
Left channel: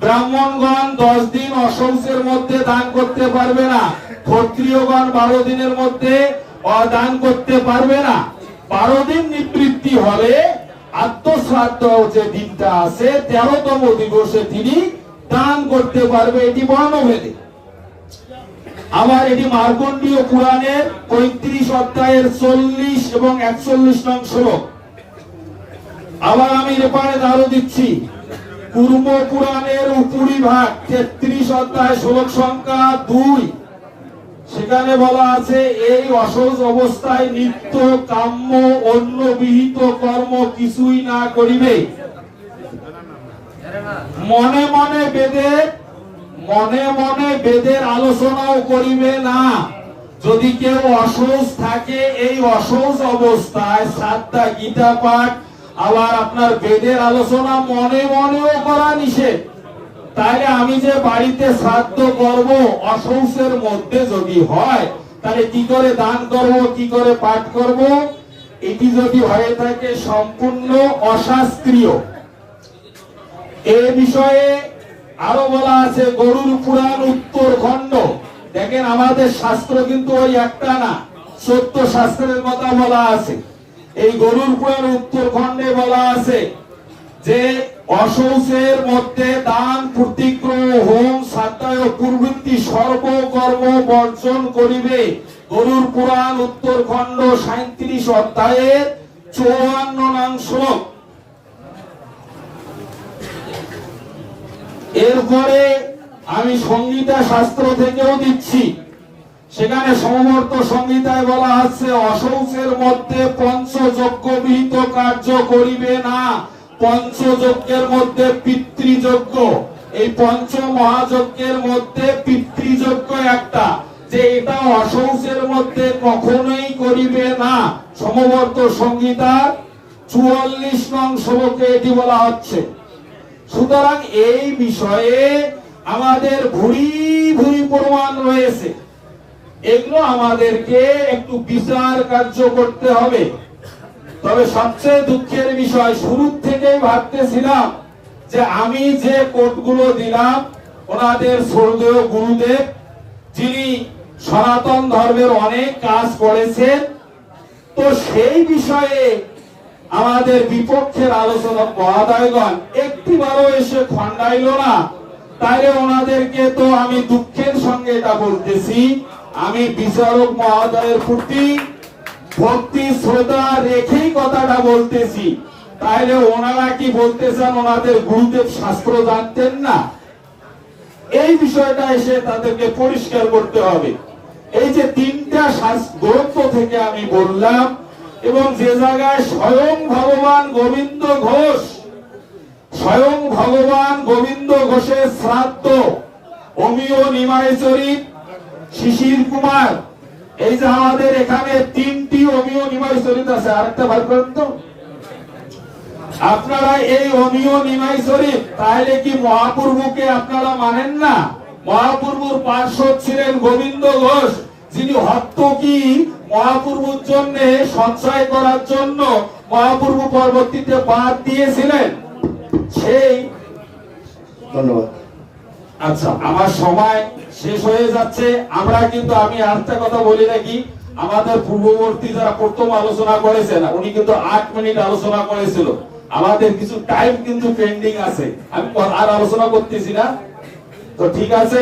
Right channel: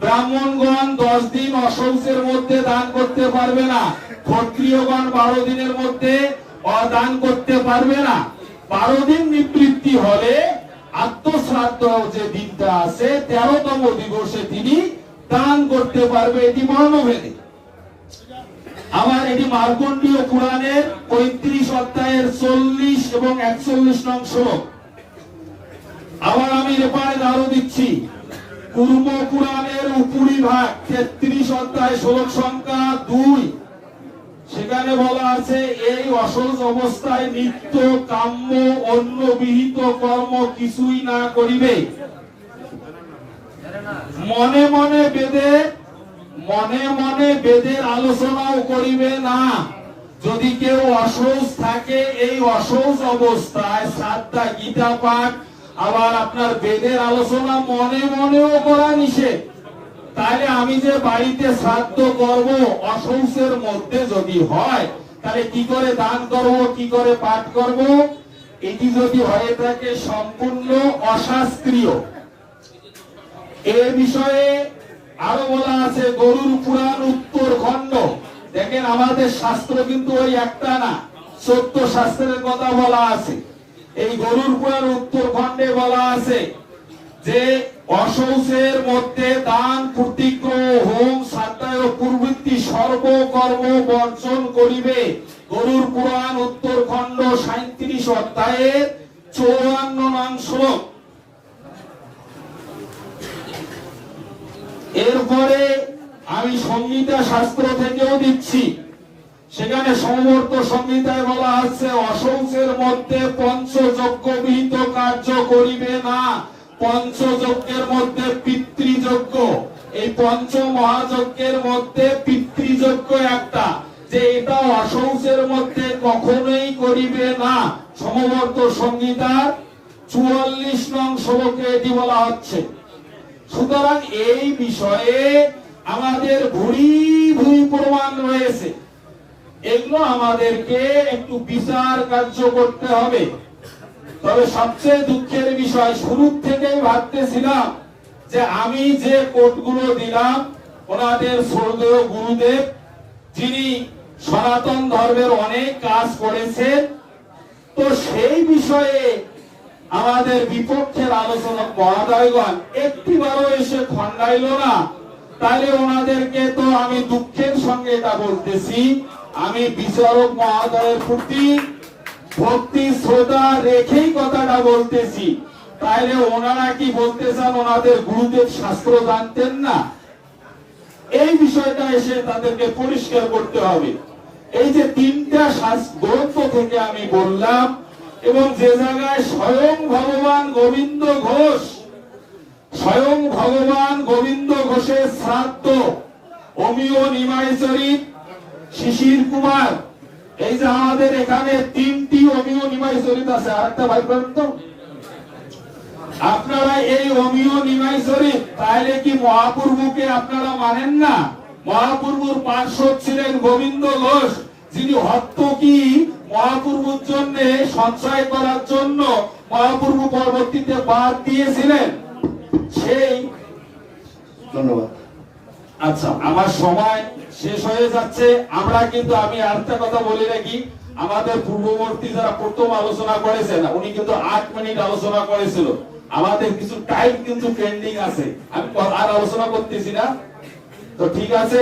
ব্রাহ্মণগণ 10 দিন অশৌচের মধ্যে দান করতে পারবে না। ক্ষত্রিয়গণ 12 দিনের মধ্যে দান করতে পারবে না। 12 দিন নিবৃত্তি হলে আত্মশ্রাদ্ধ যে দিনটা আছে 13তম দিবসে তিনি দান করতে পারবে। এটি বর্ণভেদে। আবার এটি মার্কণ্ডীয় পুরাণের 35 অধ্যায়ের 40 এবং 41 নং শ্লোক। আবার আমি এপারে আরো দিচ্ছি পূর্ব পুরাণের উপরিভাগ 33 অধ্যায় শ্লোক সংখ্যা 2, সেখানে বলা আছে এই অশৌচ অবস্থায় নিত্য কাম্য অন্য বিহিত কর্ম কিছুই না করিবে। মনে মনে বেদের আলোচনাও করিবে না। যদি কেউ অশৌচ থাকে, এই অশৌচ অবস্থায় শ্রাদ্ধা গীতা পাঠ আবার আপনার বেদের আলোচনা মনে মনেও করা নিষেধ। তাহলে আমি যে বাড়িতে শ্রাদ্ধ করব অশৌচের মধ্যে যদি হয়, তাহলে কি করে দান করব, কি করে পাঠ করব? এটি যদি হয়ে থাকে সম্পূর্ণ অশাস্ত্রীয়। এ বিষয়ে আরো বলা আছে গরুর পুরাণ উত্তর খণ্ড। দেখেন আমাদের শাস্ত্র কিন্তু ওই একটা না, 14 শাস্ত্রের কথা বলা আছে। এই গরুর পুরাণ উত্তর খণ্ডে বলা আছে যে অশৌচের মধ্যে দান প্রতিগ্রহ হোম শ্রাদ্ধায় প্রবৃত্তি সর্বকর্ম বর্জন করিবে। গরুর পুরাণ উত্তর খণ্ড 37 অধ্যায়ের 54 নং শ্লোক। এরপরে আমি সংহিতা শাস্ত্র থেকেও দিচ্ছি, সেখানে সমবর্ত সংহিতায় বলা আছে অশৌচের মধ্যে পঞ্চযজ্ঞ বিহিত কার্য করিবে না। পঞ্চযজ্ঞের মধ্যে পিতৃযজ্ঞ, এই পঞ্চ মহাযজ্ঞের মধ্যে পিতৃযজ্ঞ একটা, যে এটা অশৌচের মধ্যে কখনোই করিবে না। সমবর্ত সংহিতার 44 নং শ্লোকে এটি বলা হচ্ছে। সুতরাং এই বিষয়ে আমাদের ভুরি ভুরি প্রমাণ রয়েছে, এগুলো আমাদেরকে একটু বিচার কার্য করতে হবে। তবে সবচেয়ে দুঃখের বিষয়, শুরু থেকেই ভাবতেছিলাম যে আমি যে কোটগুলো দিলাম ওনাদের স্বর্গীয় গুরুদেব, যিনি সনাতন ধর্মের অনেক কাজ করেছেন, তো সেই বিষয়ে আমাদের বিপক্ষের আলোচনা মহোদয়গণ একটিবারও এসে খণ্ডাইল না। তাহলে ওনাদেরকে তো আমি দুঃখের সঙ্গে এটা বলতেছি, আমি বিচারক মহোদয়ের প্রতি ভক্তি শ্রদ্ধা রেখেই কথাটা বলতেছি। তাহলে ওনারা কি বলতে চান ওনাদের গুরুদেব শাস্ত্র জানতেন না? এই বিষয়টা এসে তাদেরকে পরিষ্কার করতে হবে। এই যে তিনটা গ্রন্থ থেকে আমি বললাম, এবং যে জায়গায় স্বয়ং ভগবান গোবিন্দ ঘোষ, স্বয়ং ভগবান গোবিন্দ ঘোষের শ্রাদ্ধ, অমিয় নিমাই চরিত, শিশির কুমার, এই যে আমাদের এখানে তিনটি অমিয় নিমাই চরিত আছে, আরেকটা ভাই করেন তো। আপনারা এই অমিয় নিমাই চরিত, তাহলে কি মহাপ্রভুকে আপনারা মানেন না? মহাপ্রভুর পার্শ্বদ ছিলেন গোবিন্দ ঘোষ, যিনি হত্তকি মহাপ্রভুর জন্য সঞ্চয় করার জন্য মহাপ্রভু পরবর্তীতে বাদ দিয়েছিলেন। সেই ধন্যবাদ। আচ্ছা, আমার সময় শেষ হয়ে যাচ্ছে। আমরা কিন্তু, আমি আরেকটা কথা বলি নাকি, আমাদের পূর্ববর্তী যারা প্রথম আলোচনা করেছেন উনি কিন্তু 8 মিনিট আলোচনা করেছিল। আমাদের কিছু টাইম কিন্তু পেন্ডিং আছে, আমি আর আলোচনা করতেছি না। তো ঠিক আছে,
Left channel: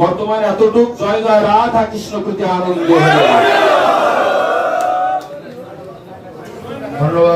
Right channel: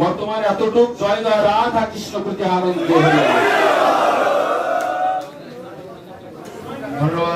বর্তমানে এতটুক। জয় জয় রাধা কৃষ্ণ, প্রতি আনন্দ। ধন্যবাদ।